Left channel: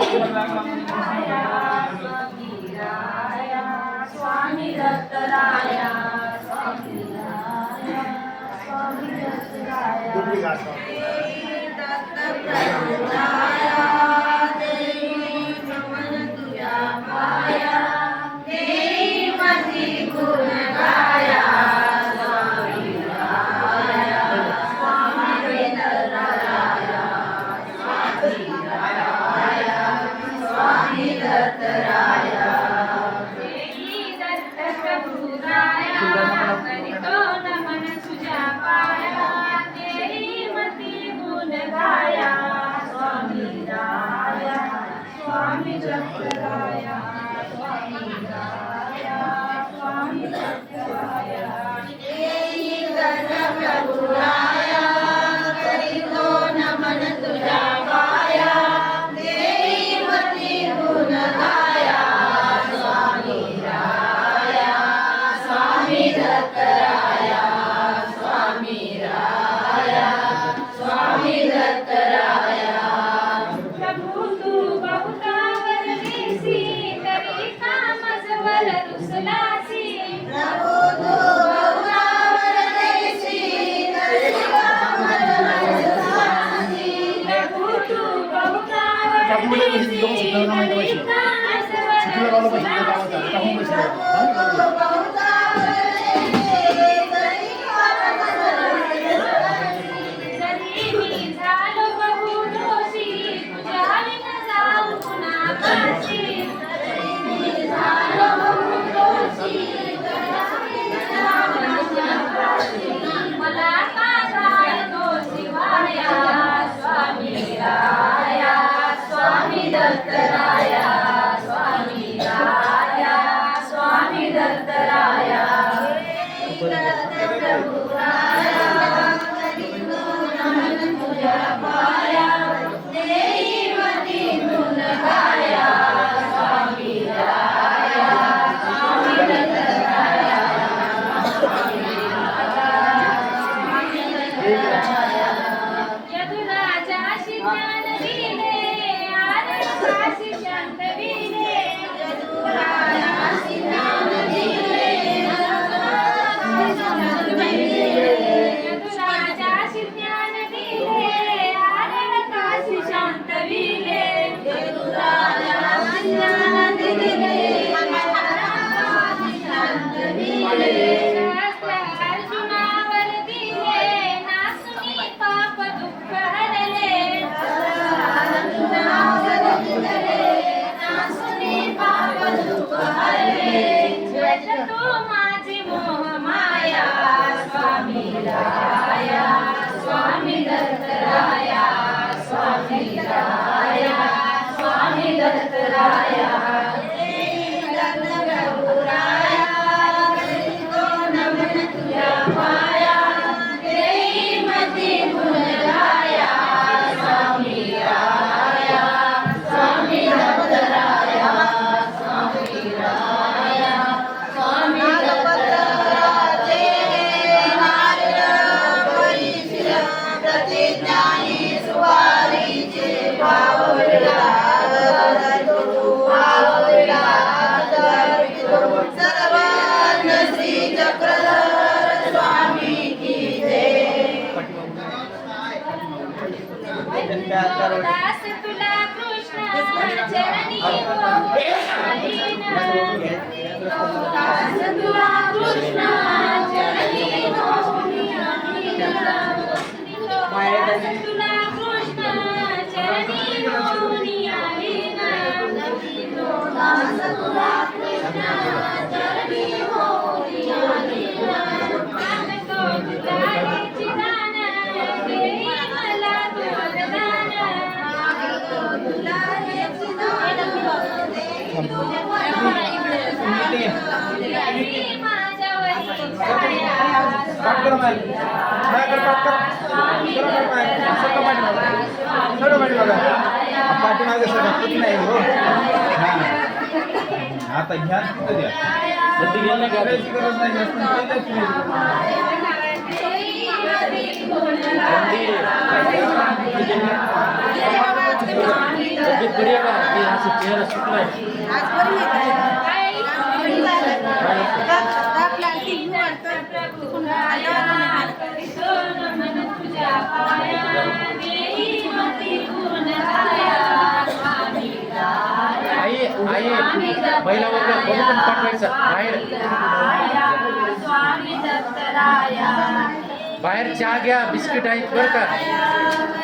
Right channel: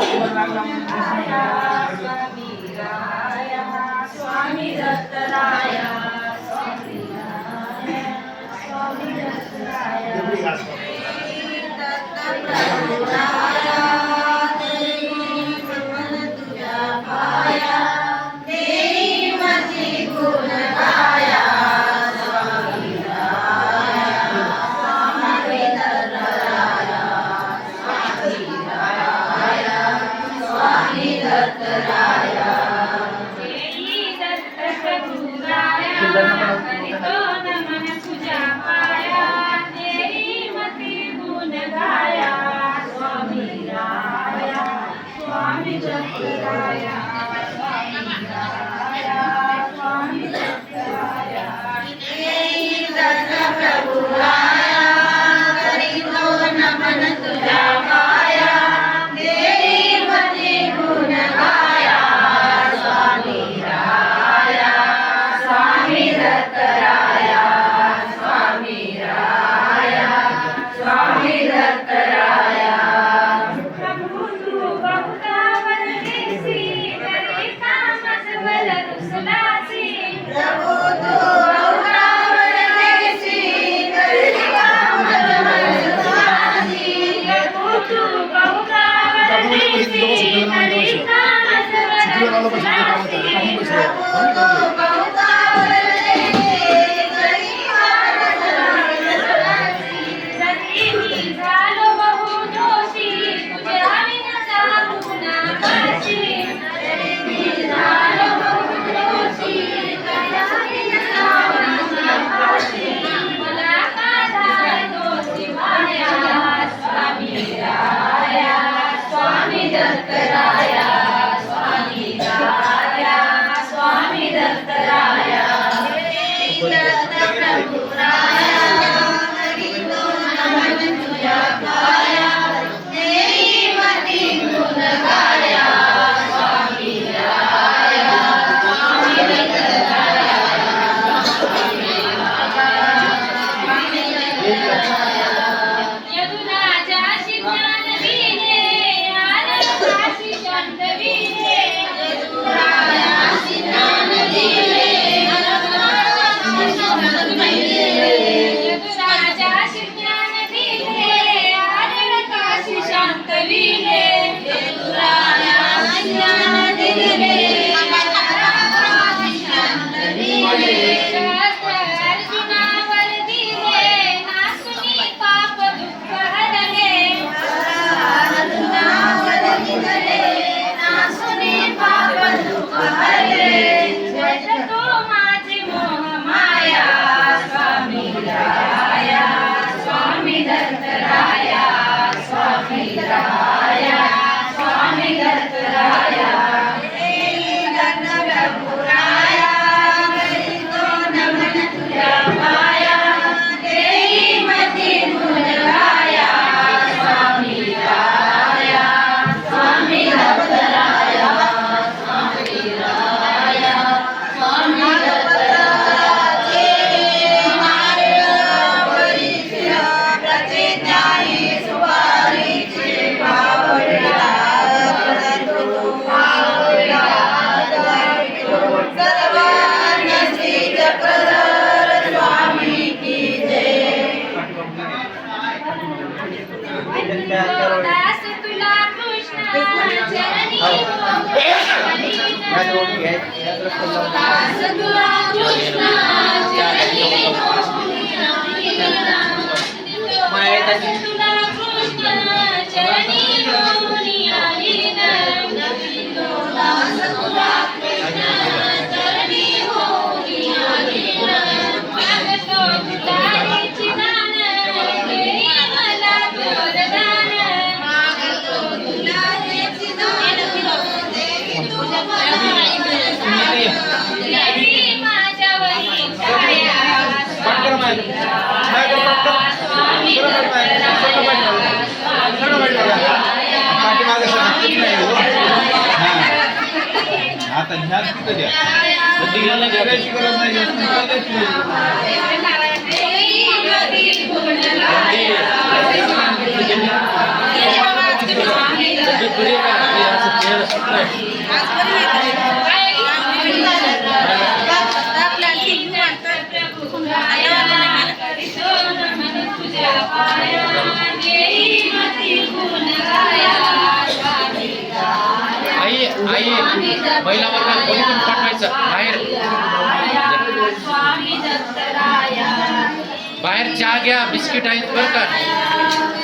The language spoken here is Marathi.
स्वामी दत्तराया स्वामी राया स्वामी दत्तराया दत्त प्रभुराया नमन तुझ्या पाया देई मती गुण गाया स्वामी राया स्वामी दत्तराया स्वामी राया स्वामी दत्तराया करितो नमन तुझ्या पाया देई मती गुण गाया स्वामी राया स्वामी दत्तराया स्वामी राया स्वामी दत्तराया देई दत्त प्रभुराया करितो नमन तुझ्या पाया देई मती गुण गाया स्वामी राया स्वामी दत्तराया स्वामी राया स्वामी दत्तराया प्रभु तू बहुता वरदेसी तरी कामच बल रुसलासी प्रभु तू बहुता वरदेसी तरी कामच बल रुसलासी प्रभु तू बहुता वरदेसी तरी कामच बल रुसलासी प्रभु तू बहुता दत्तराया स्वामी राया स्वामी दत्तराया दत्त प्रभुराया करितो नमन तुझ्या पाया देई मती गुण गाया स्वामी राया स्वामी दत्तराया स्वामी राया यदुराजा शिज्ञान दिले काशी शांत विले यदुराजा शिज्ञान दिले यदुराजा शिज्ञान दिले आरण काशी शांत विले यदुराजा शिज्ञान दिले काशी शांत विले अर्जुनावर दिले नासुनी पाप दुःख हरले अर्जुनावर दिले नासुनी पाप दुःख हरले जगतो माझे मोह माया स्वामी राया स्वामी दत्तराया स्वामी राया स्वामी दत्तराया दत्त प्रभुराया करितो नमन तुझ्या पाया देई मती गुण गाया स्वामी राया स्वामी दत्तराया स्वामी राया स्वामी दत्तराया मार्ग परिचय प्रतिज्ञानी सुवारीचे पावला पावला सर्वांग श्री चक्रधर स्वामी की जय दास तुला कृष्ण चरणी हो दास तुला कृष्ण चरणी हो दास तुला कृष्ण चरणी हो दास तुला कृष्ण चरणी हो मागतो तुला चिदान देई मला वरदान मागतो तुला चिदान देई तुझ्या देवी माझ्यावरी छाया स्वामी राया स्वामी दत्तराया स्वामी राया आता ह्या तिथं द्या प्रत्येकाला करायची गरज नाही जास्त हे सूत्र आहे. आई आई महिला वर्ग बघून पाठवायचं बाहेर. बाहेर चहा घ्या, बिस्किट आहेत बरं का.